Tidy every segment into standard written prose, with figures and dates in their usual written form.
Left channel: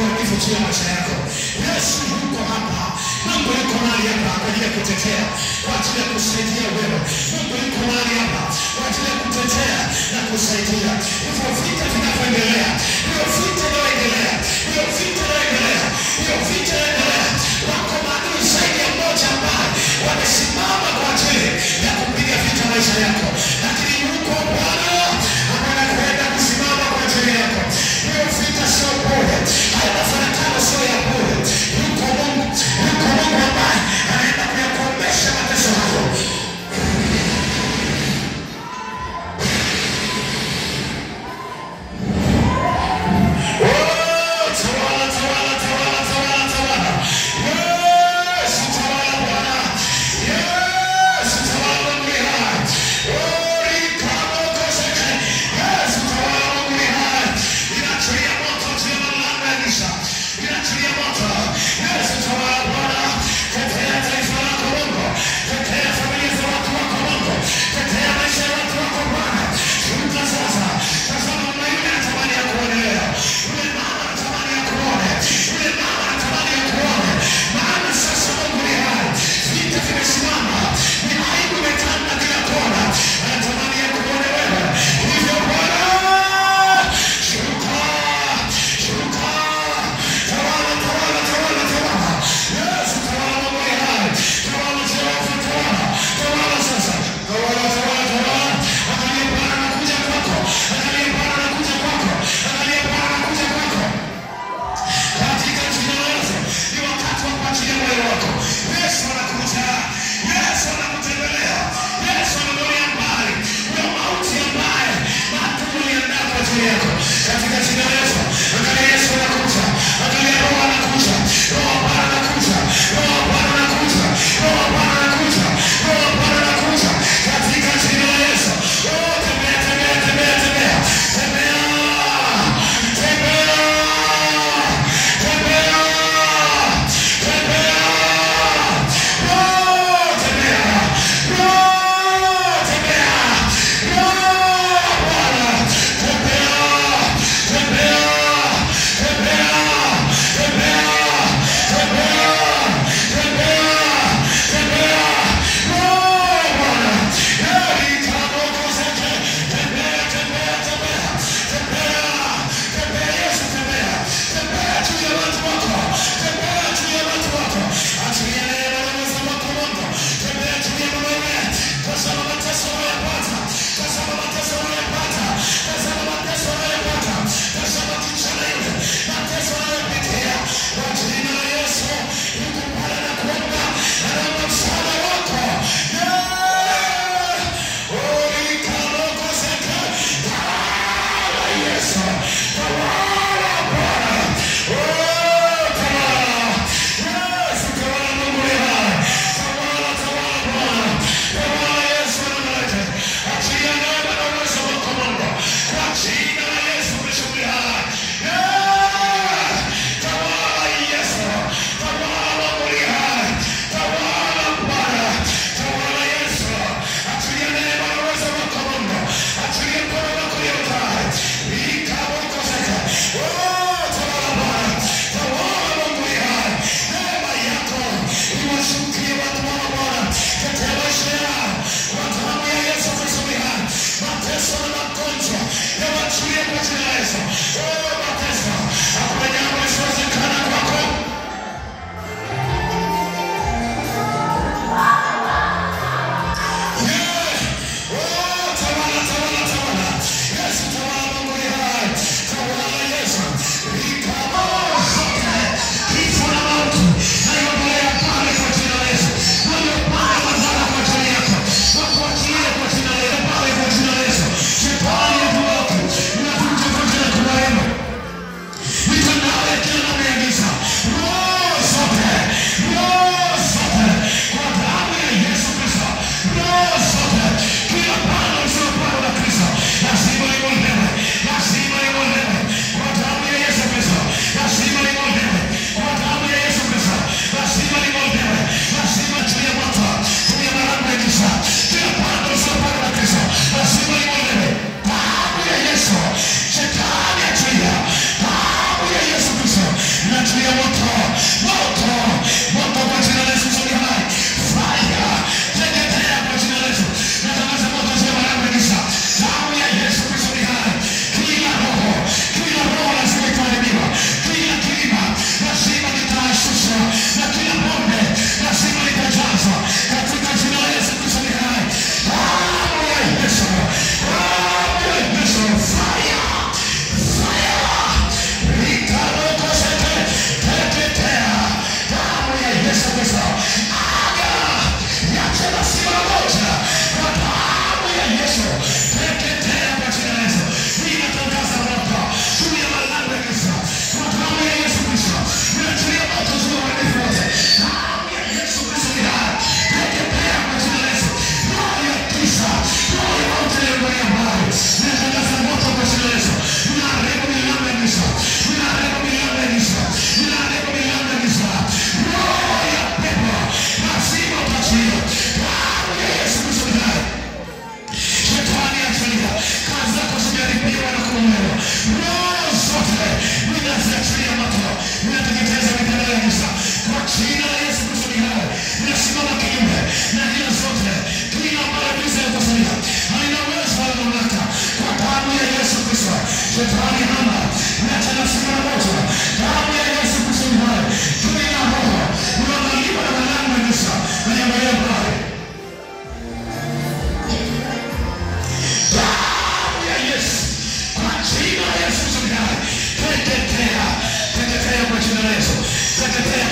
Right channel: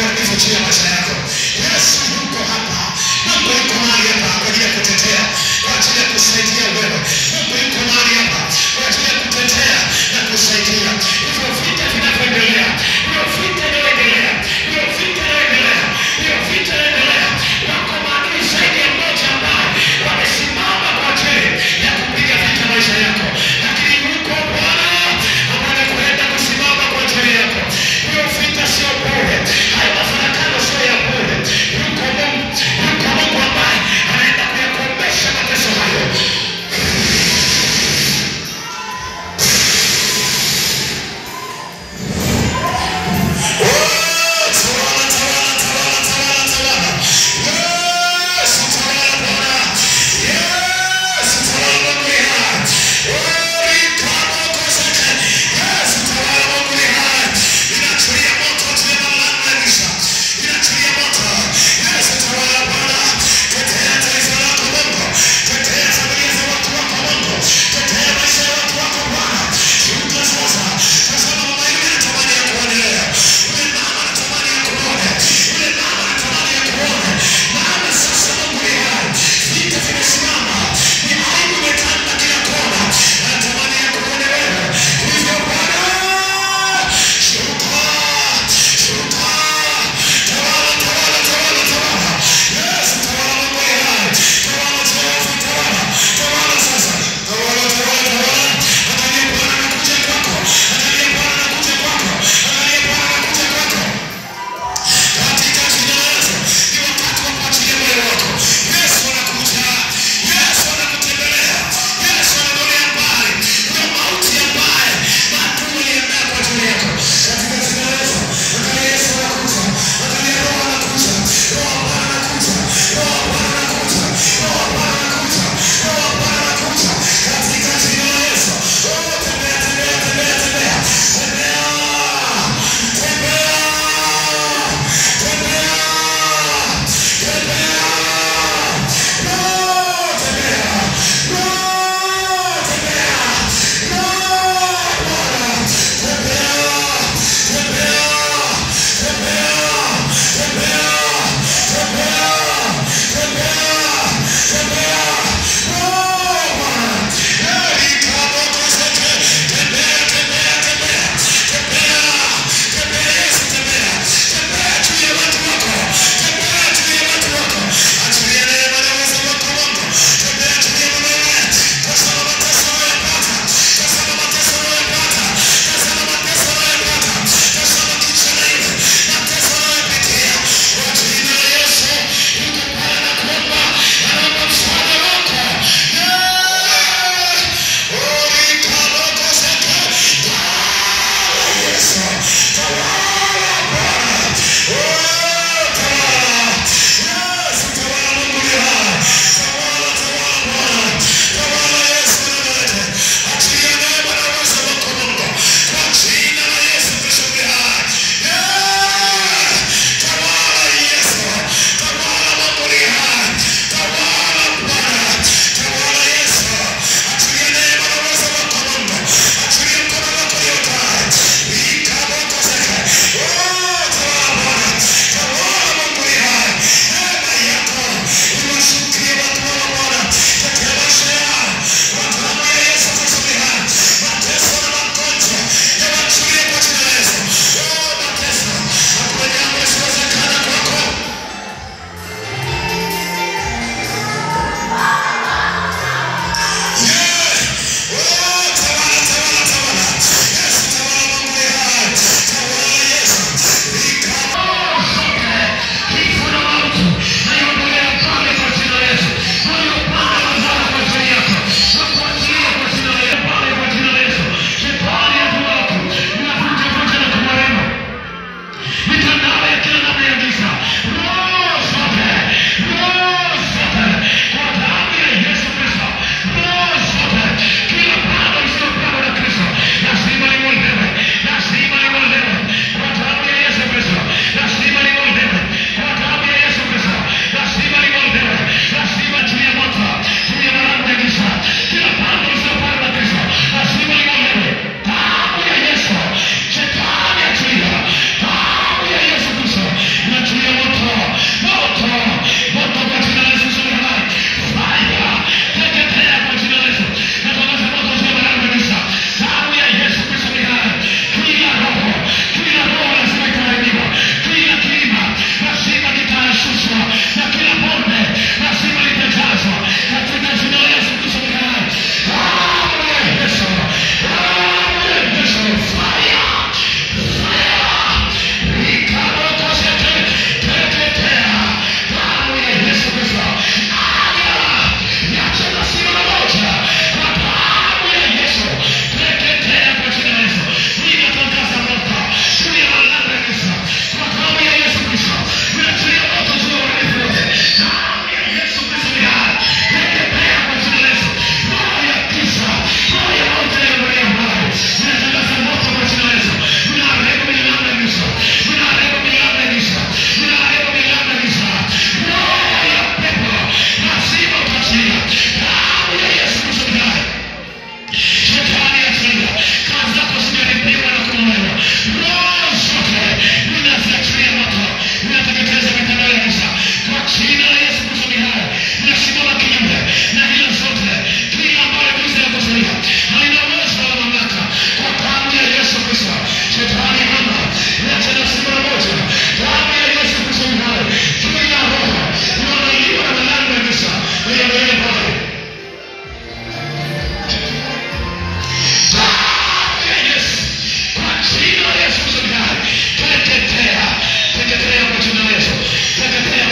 uharibifu juu ya maisha yako. Yesu yuko hapa. Mungu yuko mahali hapa kwa ajili ya kutetea, kwa ajili ya kusaidia wewe. Mungu yuko mahali hapa kwa ajili ya kutetea na kusaidia. Hivyo vita vinavyoendelea, hiyo vita inayoendelea, hiyo vita inayoendelea, hiyo vita inayoendelea, wako maadui zaidi ya mmoja ambao wamesimama kwa ajili ya kupiga vita maisha yako. Lakini yuko Bwana ambaye anakwenda kusimama kwa ajili yako. Hiyo vita sio bure, hayo mafarakano sio ya bure. Yuko Mungu ambaye anaenda kuyakomesha mateso hayo.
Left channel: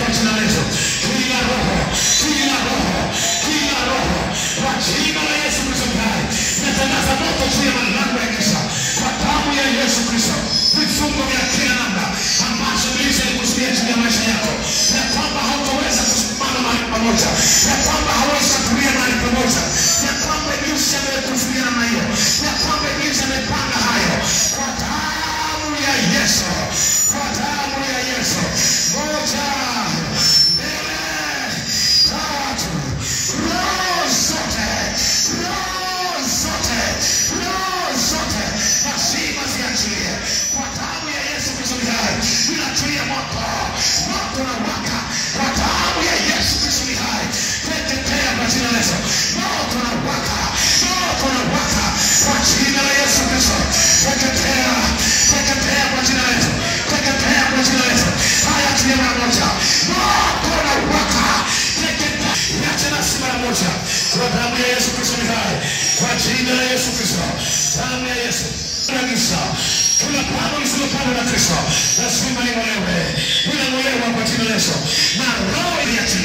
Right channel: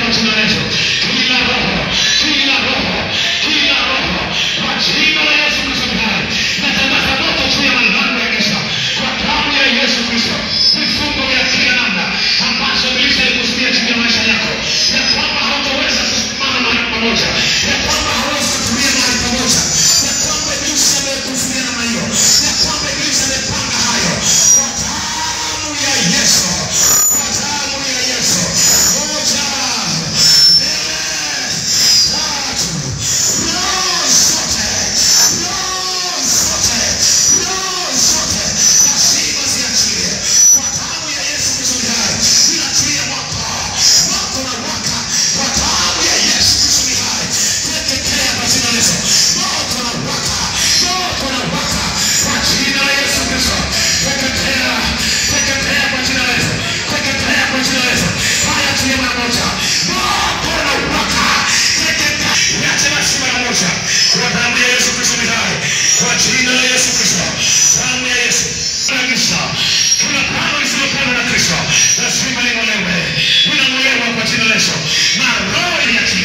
kwa jina la Yesu. Kila roho kwa jina la Yesu Kristo hai. Natangaza moto juu ya malango ya giza kwa damu ya Yesu Kristo. Vifungo vya kila namna ambazo ibilisi alikusudia juu ya maisha yako, ya kwamba hautaweza kusimama mahali pamoja, ya kwamba hauwezi kutulia mahali pamoja, ya kwamba ibilisi amekusudia namna hiyo, ya kwamba ibilisi amepanga hayo, kwa damu ya Yesu, kwa damu ya Yesu. Moja, mbele, tatu, roho zote, lazima ziachilie kwa damu ya Yesu Kristo hai. Inachilia moto unawaka kwa damu ya Yesu Kristo hai. Teketea kwa jina la Yesu. Moto unawaka kwa jina la Yesu Kristo. Teketea kwa jina la Yesu. Teketea kwa jina la Yesu. Haya tia mara moja. Moto unawaka. Teketea. Yache basi mara moja kwa damu ya Yesu Kristo hai. Kwa jina la Yesu Kristo. Damu ya Yesu. Kuna pano lisilopandwa na Kristo lazima ling'olewe. Linang'olewa kwa jina la Yesu. Na roho iliachilia